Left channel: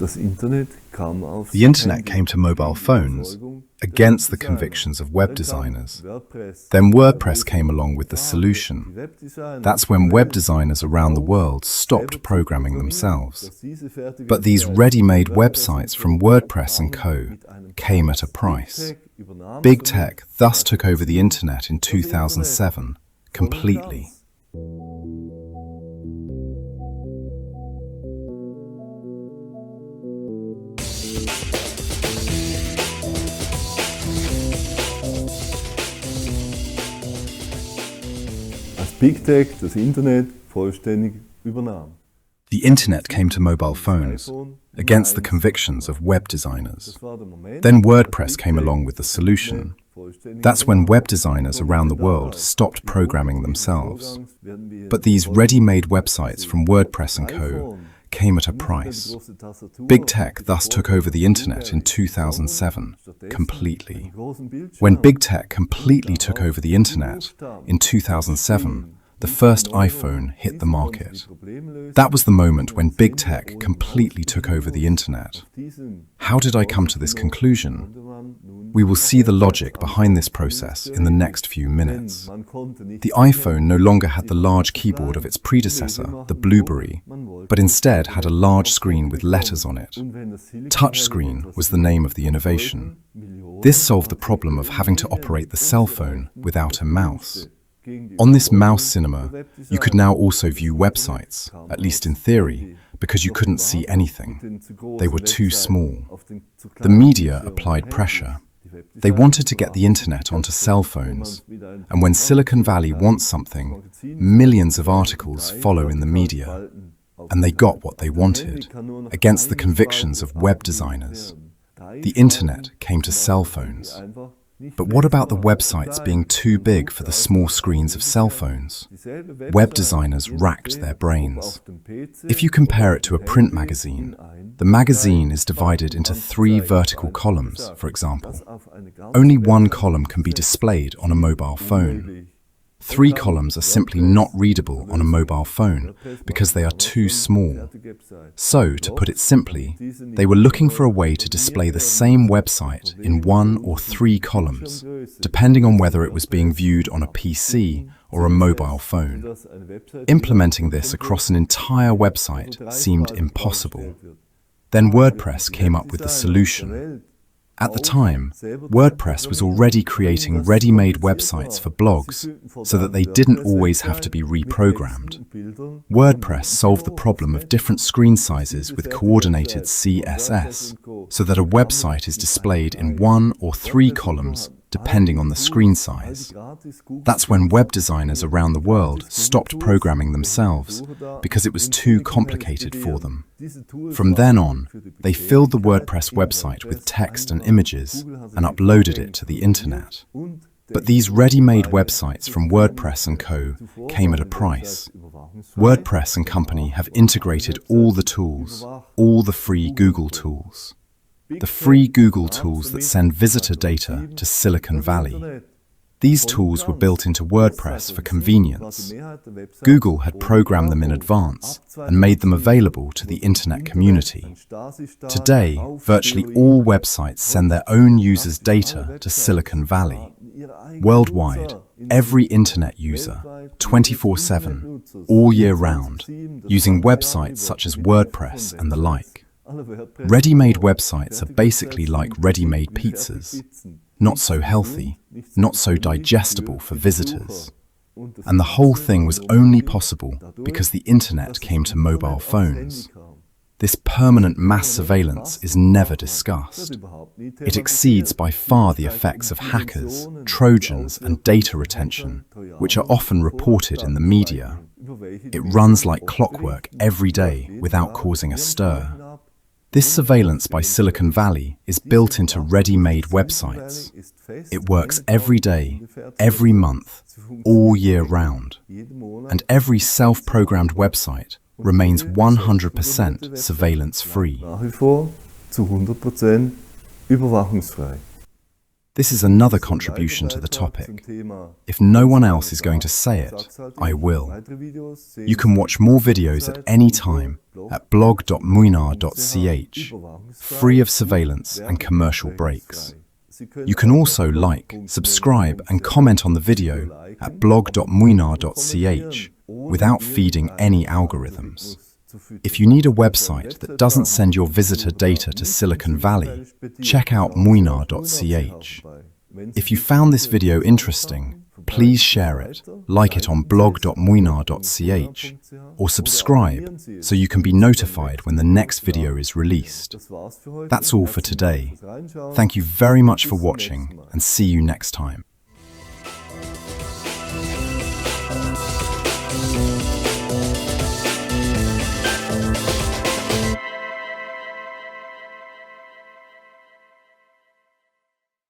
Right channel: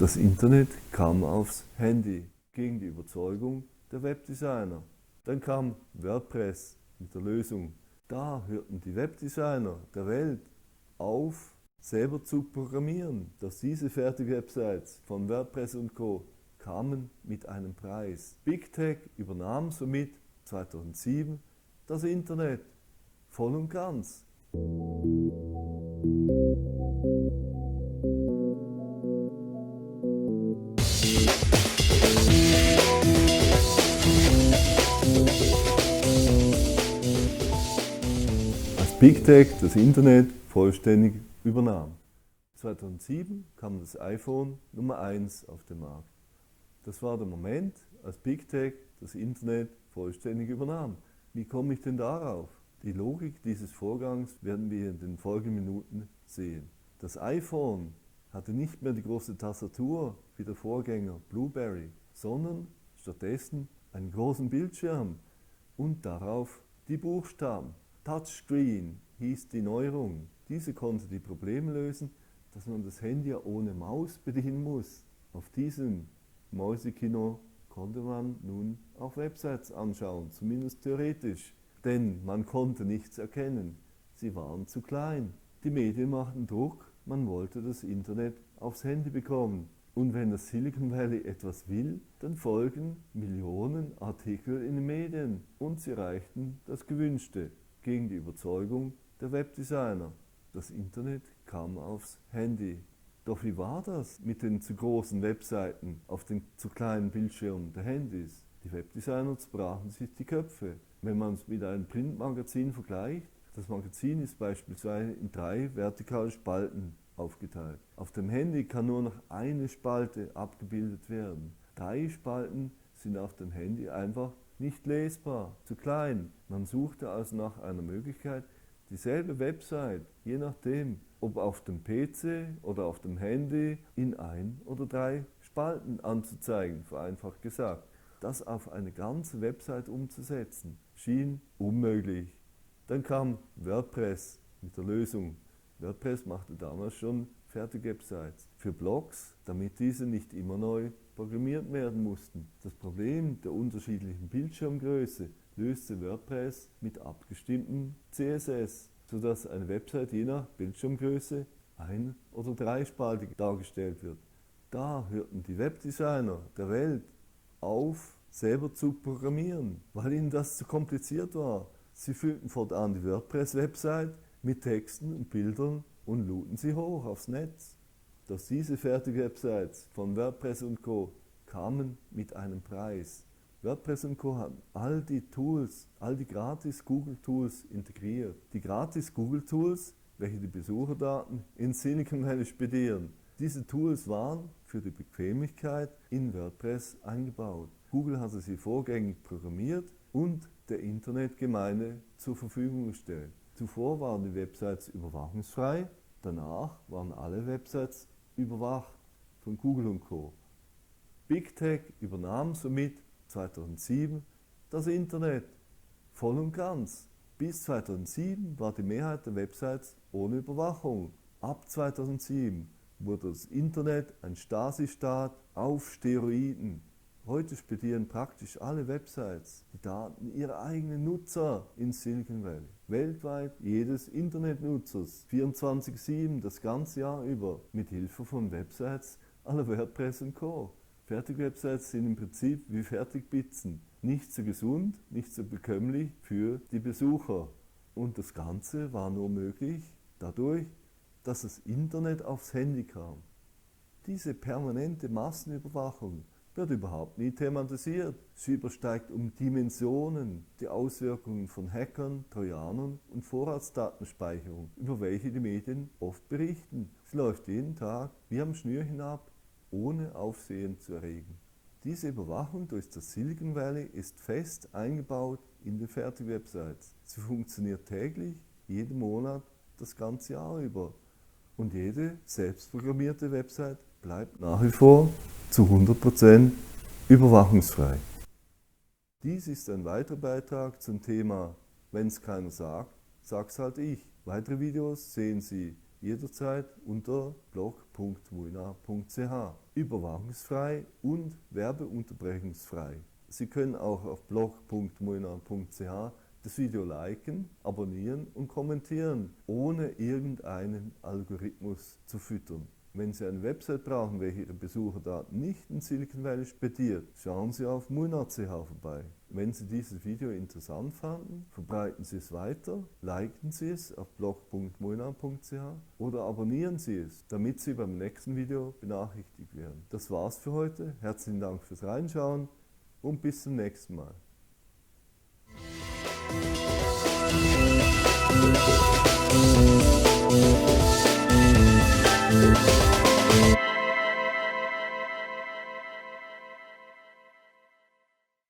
The internet came to mobile phones against the convictions of web designers. Then WordPress came along with the solution. That's when web designers around the world stopped programming themselves. But these ready-made websites from WordPress and Co. came at a price. BigTech thus took over the internet in 2007 completely. Als BigTech das Internet vollständig übernahm. The internet came to mobile phones against the convictions of web designers. Then WordPress came along with the solution. That's when web designers around the world stopped programming themselves. But these ready-made websites from WordPress and Co. came at a price. BigTech thus took over the internet in 2007 completely. When BigTech completely took over the internet in 2007, the first iPhone hit the market. That was the moment when BigTech completely took over the internet. How did I come to this conclusion? We will see the logic behind this process in the next few minutes. The iPhone no longer had the large keyboard of its predecessor, the Blueberry, but instead had a large screen with letters on it. Touchscreen was the name of the innovation. This solved the problem of having to operate the cell phone without a mouse. On this mouse cinema, you could now also view websites, at least in theory, because you couldn't see anything. They were too small. The media applied pressure. They wanted to get the internet onto cell phones, and when Silicon Valley wants something, millions of articles follow in the media, and they got what they wanted, against the convictions of web designers. The internet came to cell phones. But what about the websites being too big for the small screens of cell phones? Web designers racked their brains. If you compare it to a print magazine, the magazine is divided into 3 vertical columns, for example. Only one column can be displayed on a mobile phone. 3 columns are simply not readable on a mobile phone because they are too small. So, to put it simply, they were looking for a way to display the same website in 1 or 3 columns, depending on whether it was being viewed on a PC or a mobile phone. Implementing this across an entire website seemed impossible. Then WordPress came up with the solution. At the time, WordPress was already creating ready-made websites for blogs so that they didn't always have to be reprogrammed. WordPress solved the problem of different screen sizes with coordinated CSS so that a website is displayed in 1 or 3 columns depending on the screen size. That's when web designers around the world stopped programming themselves because it was too complicated for them. From then on, they filled the WordPress website with text and images and uploaded it to the internet. But these ready-made websites from WordPress and Co. came at a price. WordPress and Company have integrated all the tools, all the free Google tools. The free Google tools that send visitor data to Silicon Valley. These tools were built into WordPress for convenience. Google had programmed them in advance and made them available to the internet community. Today, virtually all websites send their own users' data to Silicon Valley. Worldwide, every internet user, 24/7, all year round, using websites such as WordPress and the like. Ready-made websites are basically like ready-made pizzas, not so healthy, not so digestible for visitors. And the whole thing was only possible because the internet came to mobile phones. This permanent mass surveillance is never discussed. It exceeds by far the effects of hackers, Trojans, and data retention, which are often reported in the media. It runs like clockwork every day without causing a stir. This surveillance by Silicon Valley is built into ready-made websites. It works every day, every month, all year round. And every self-programmed website remains 100% surveillance-free. Nach wie vor zu 100% überwachungsfrei. This is another contribution to the topic. If no one else is going to say it, I will. You can watch more videos at any time at blog.muinar.ch, free of surveillance and commercial breaks. You can also like, subscribe and comment on the video at blog.muinar.ch without feeding any algorithms. If you need a website that doesn't send your visitor data to Silicon Valley, check out muinar.ch. If you found this video interesting, please share it, like it on blog.muinar.ch, or subscribe so you can be notified when the next video is released. That's all for today. Thank you very much for watching and see you next time.